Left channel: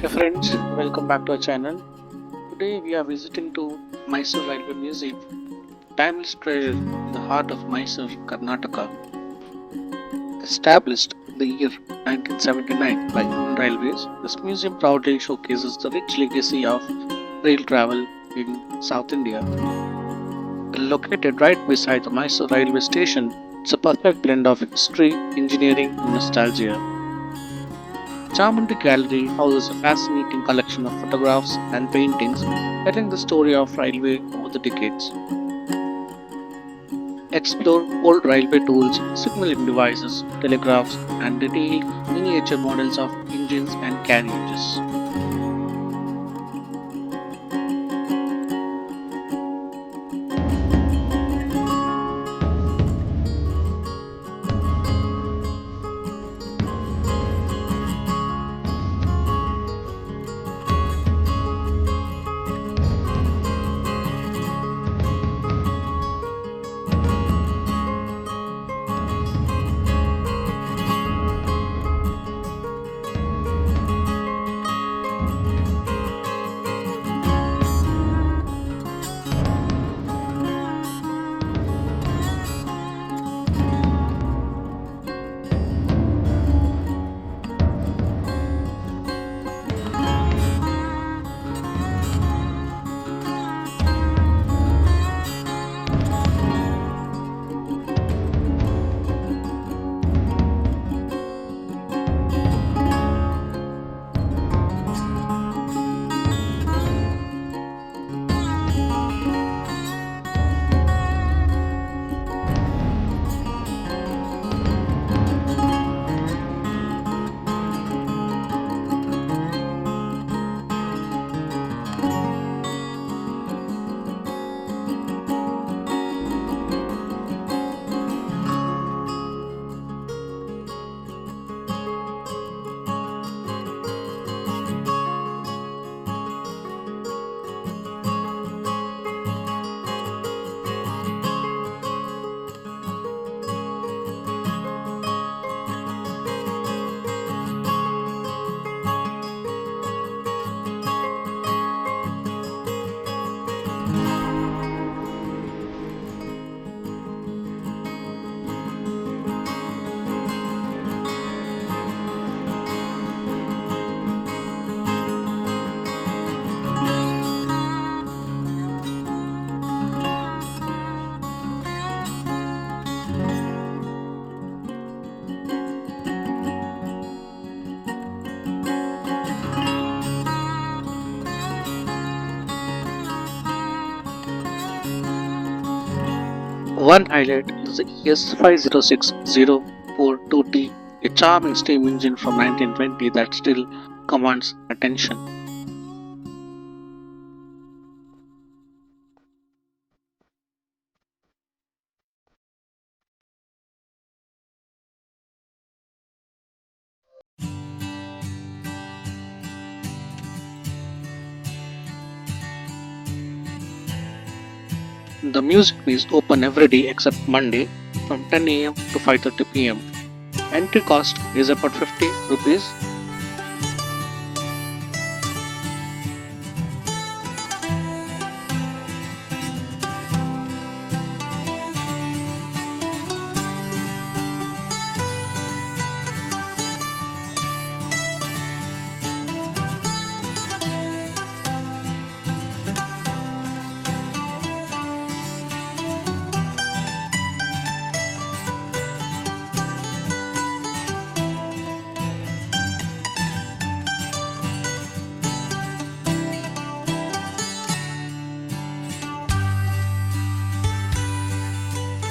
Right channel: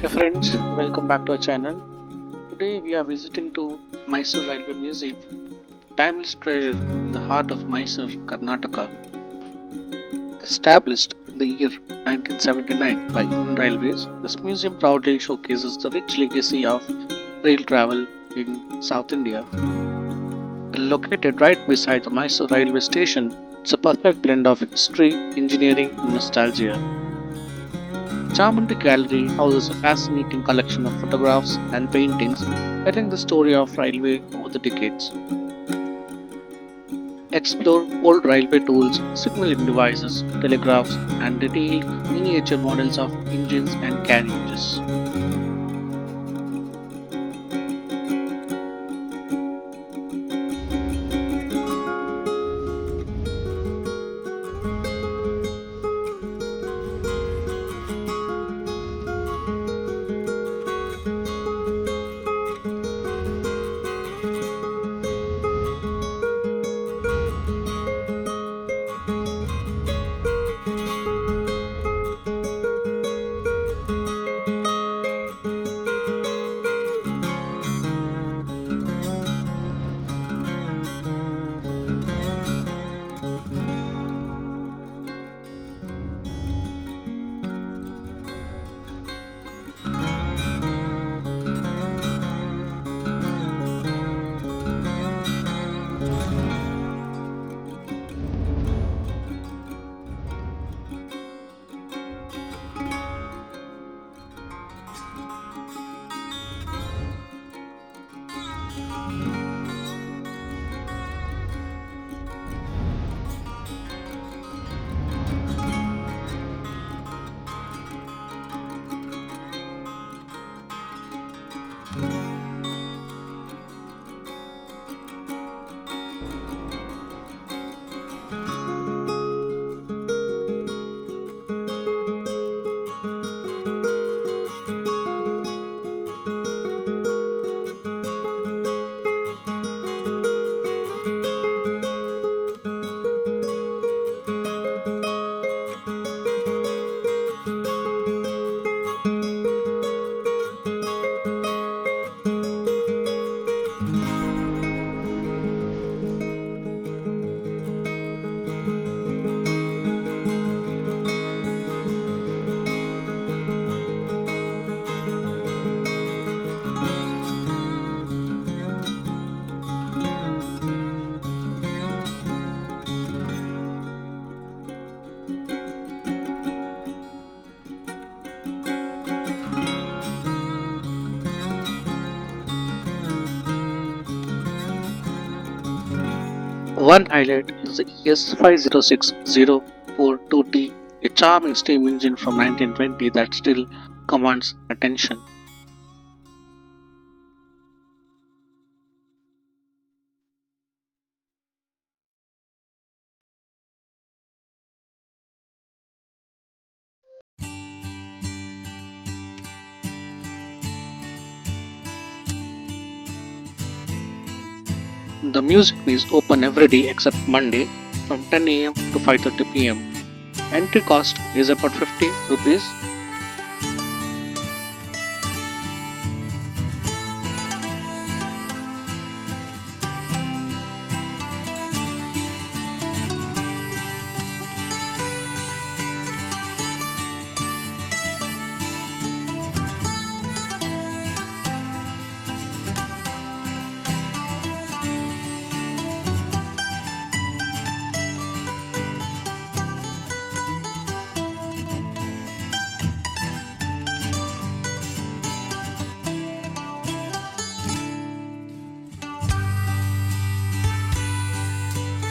Hey friends, welcome back to our channel. Today we are visiting to Mysore Railway Museum, timeless treasure in the heart of Mysore, Karnataka. Established in the year 1979 by Indian Railways, this museum proudly showcases the rich legacy of rail travel in South India. Located right beside the Mysore Railway Station, it's a perfect blend of history, engineering, and nostalgia. Chamundi Gallery houses a fascinating collection of photographs and paintings telling the story of railway over the decades. Explore old railway tools, signaling devices, telegraphs, and detailed miniature models of engines and carriages. One highlight is the ES506042T, a charming steam engine from 1920 that still commands attention. The museum is open every day except Monday from 10 a.m. to 5:30 p.m. Entry cost is about 50 rupees.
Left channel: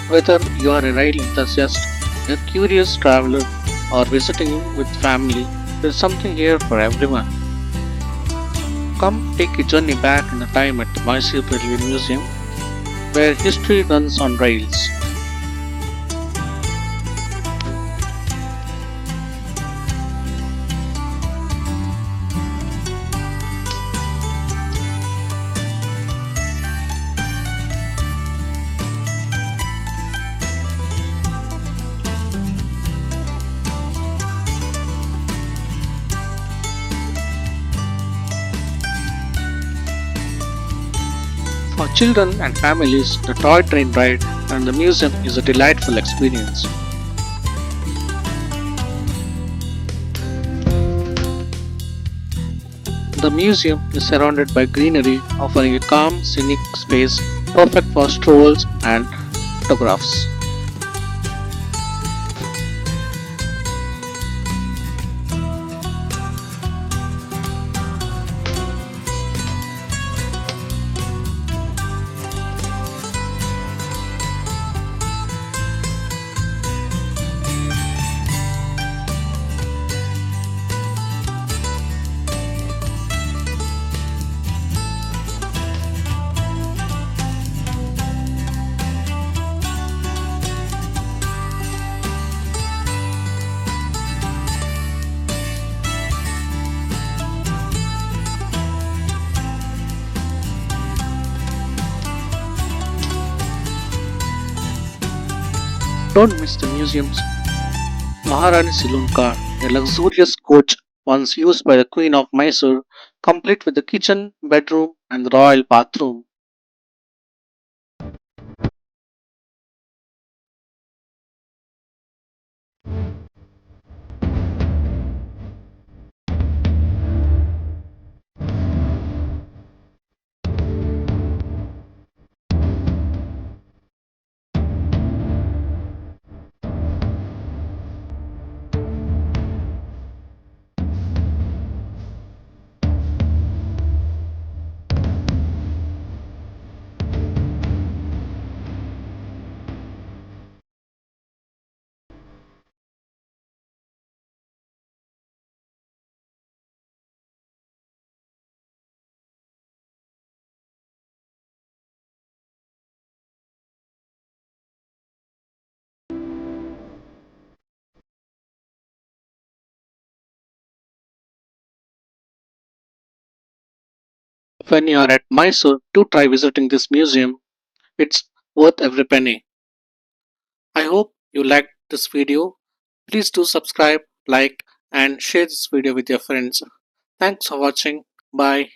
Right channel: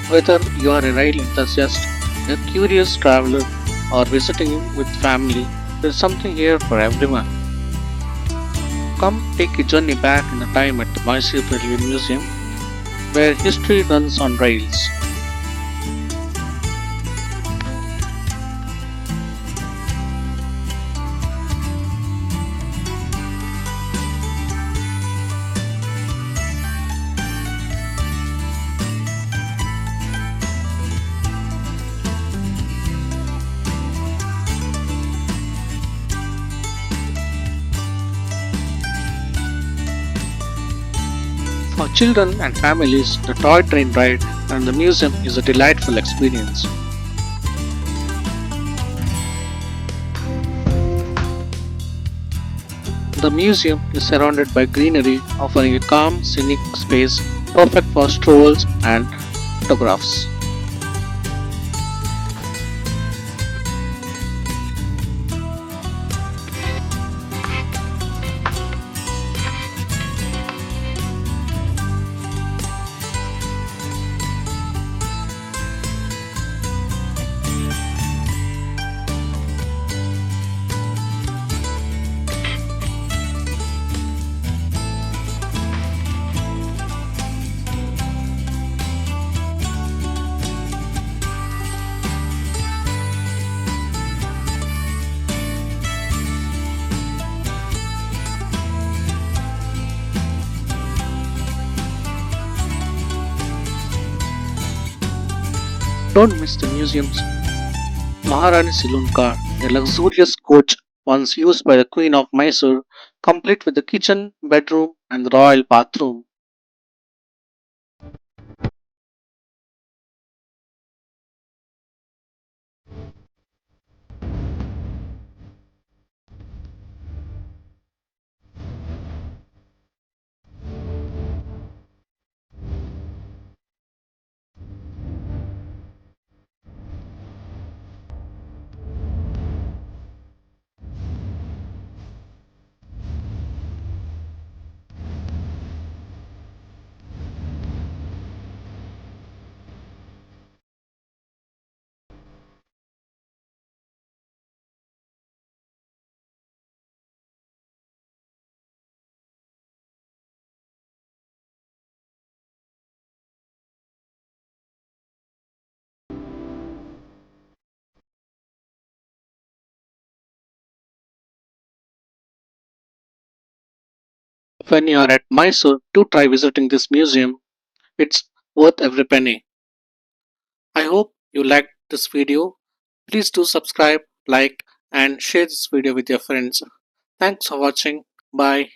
Whether you are a rail enthusiast, a curious traveler, or visiting with family, there's something here for everyone. Come take a journey back in the time at the Mysore Railway Museum, where history runs on rails. For children and families, the toy train ride and the museum is a delightful experience. The museum is surrounded by greenery, offering a calm, scenic space perfect for strolls and photographs. Don't miss the museum's Maharani Saloon car, a luxurious coach once used by the Queen of Mysore, complete with the kitchen, bedroom, and the royal bathroom. When you are at Mysore, do try visiting this museum. It's worth every penny. I hope you liked this video. Please do subscribe, like, and share this video with your friends. Thanks for watching. Bye.